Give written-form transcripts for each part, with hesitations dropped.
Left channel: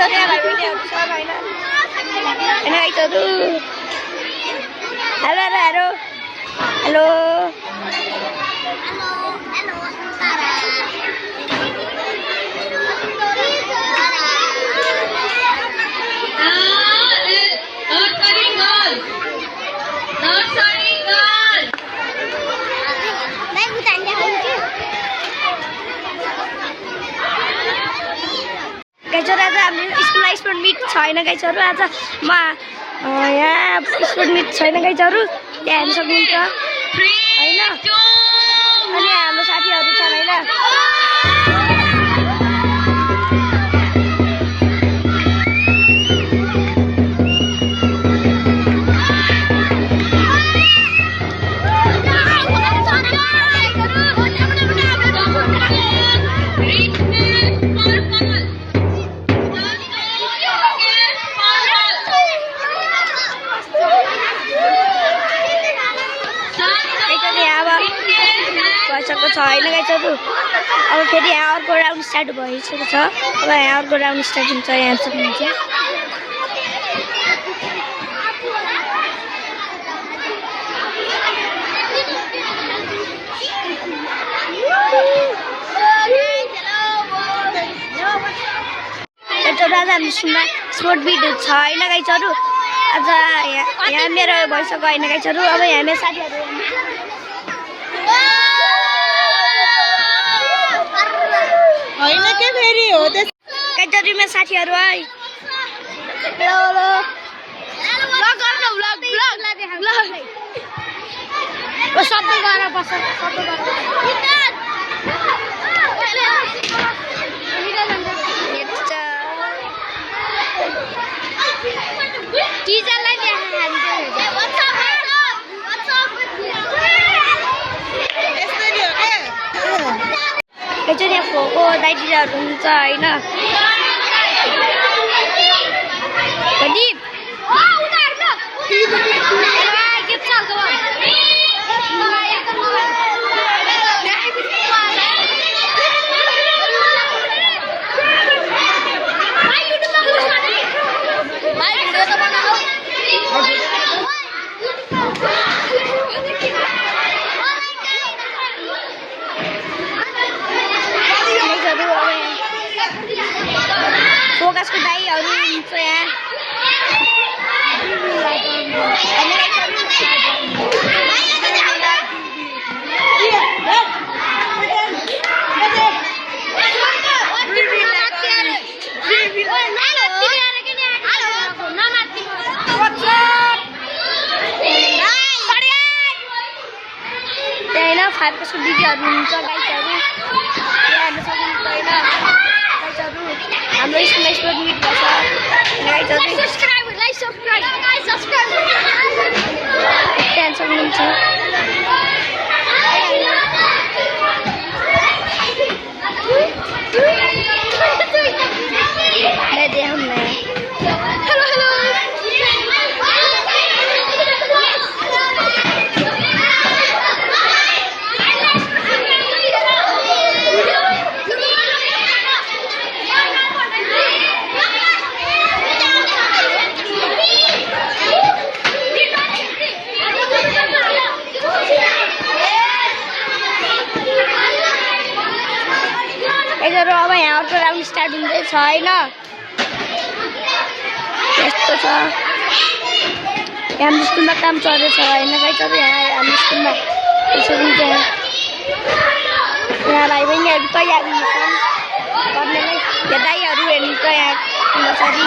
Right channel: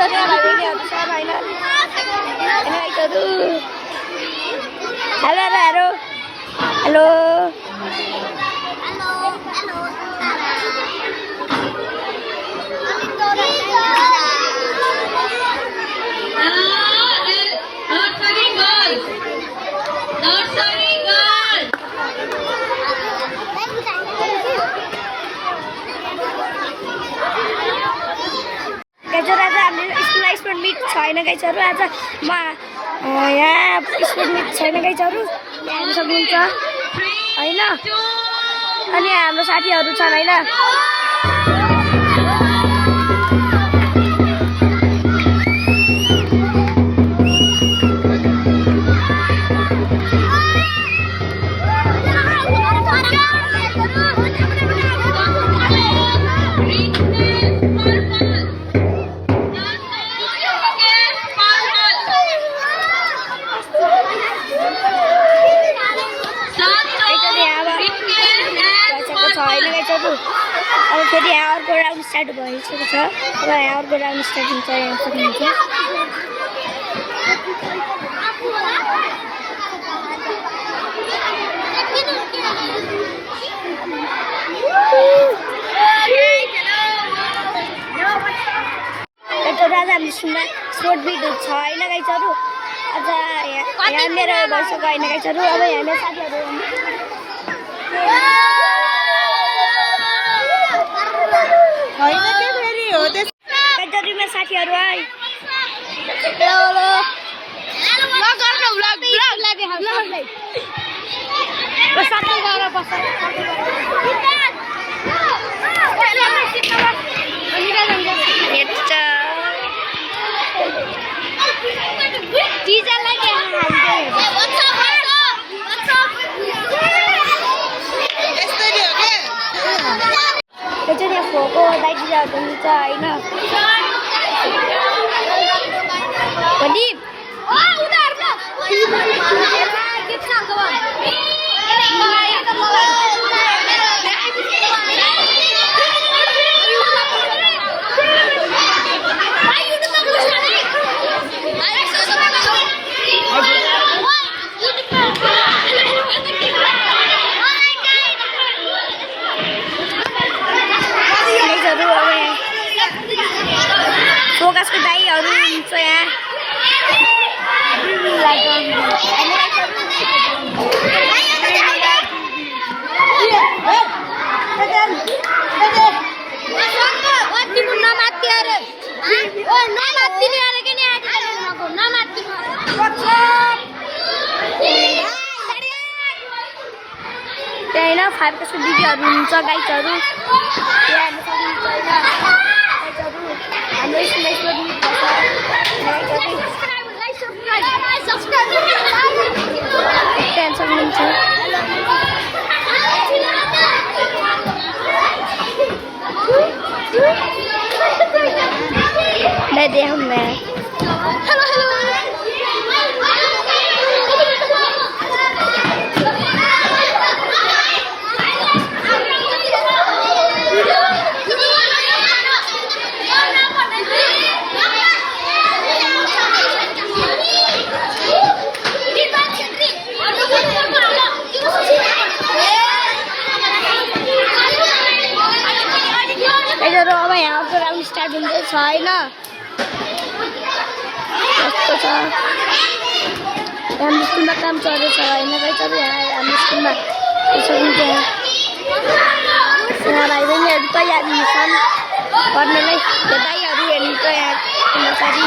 गाइजहरू यहाँ भाइ बहिनीहरू छ होइन अनि गाइजहरू हेलो हेलो हेलो गाइजहरू आज हाम्रो स्कुलमा स्पोर्ट मिट छैन गाइजहरू आज म यहाँ स्पोर्ट मिट छैन गाइजहरू यहाँ हेर्न सक्नुहुन्छ होइन अनि हाम्रो साथीहरू छन् होइन होइन गाइजहरू अब फेरि यहाँ अर्को राउन्ड स्टार्ट भइसकेको छ अब यहाँ अर्को राउन्ड स्टार्ट हुन्छ यहाँ सक्नुहुन्छ आज हाम्रो स्कुलमा स्पोर्ट मिट छ होइन गाइजहरू आज यहाँ मेरो भइसक्यो होइन गाइजहरू अब यहाँ मेरो साथीहरू होइन के फेरि हो गाइजहरूमा साथीहरू है यहाँ फोको दाइदिराहरू हुन्छ होइन फोकसको दाइहरू हुन्छ यहाँ त्यहाँ होइन 5 क्लासको दिदीहरू हुन्छ गाइजहरू यहाँ हेर्न सक्नुहुन्छ होइन गाइजहरू हाम्रो स्कुलमा स्पोर्ट मिट भन्छ त्यहाँ सक्नुहुन्छ हेलो हेलो अब यहाँ अर्को राउन्ड स्टार्ट हुँदैछ होइन यस्तो छ हाम्रो स्कुलमा काम चल्दैछ होइन गाइजहरू यहाँ हाम्रो स्कुलमा सक्नुहुन्छ यहाँ भाइ बहिनीहरू तयार हुन्छन् गर्नलाई यहाँ दाइहरू हेर्नुहुन्छ यहाँ पछाडि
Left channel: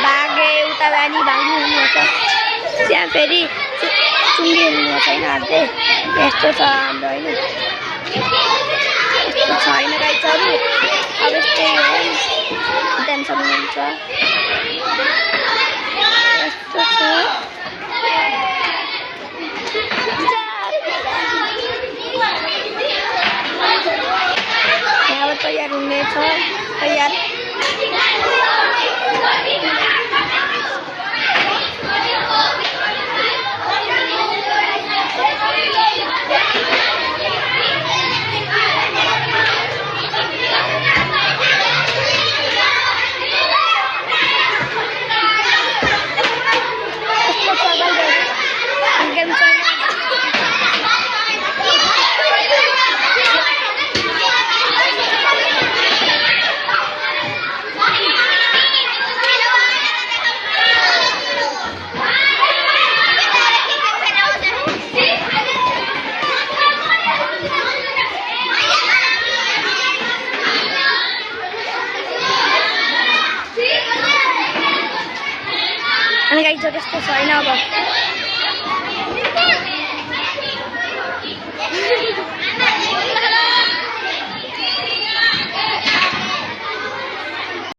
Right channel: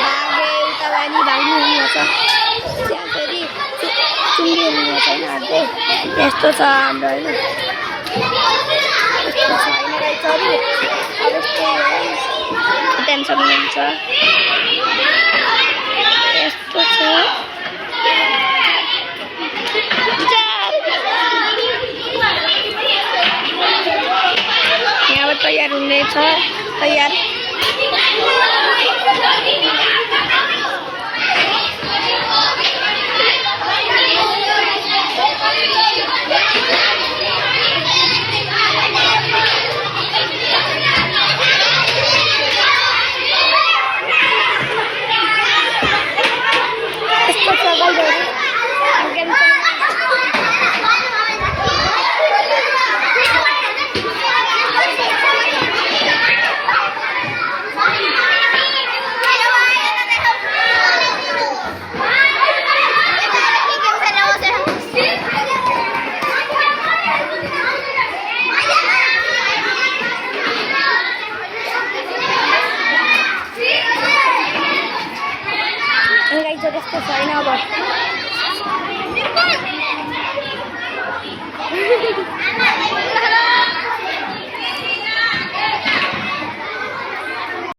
भागे उता जाने भाग्नु हुनुहुन्छ त्यहाँ फेरि चुङ्गी हुनुहुन्छ होइन हाल्दै यस्तो छ हाम्रो होइन होइन गाइजहरू अब यस्तै हो त्यहाँ सक्नुहुन्छ यस्तो छ यहाँबाट तयार हुनेछ तयार गाइज त्यस्तो छैन अब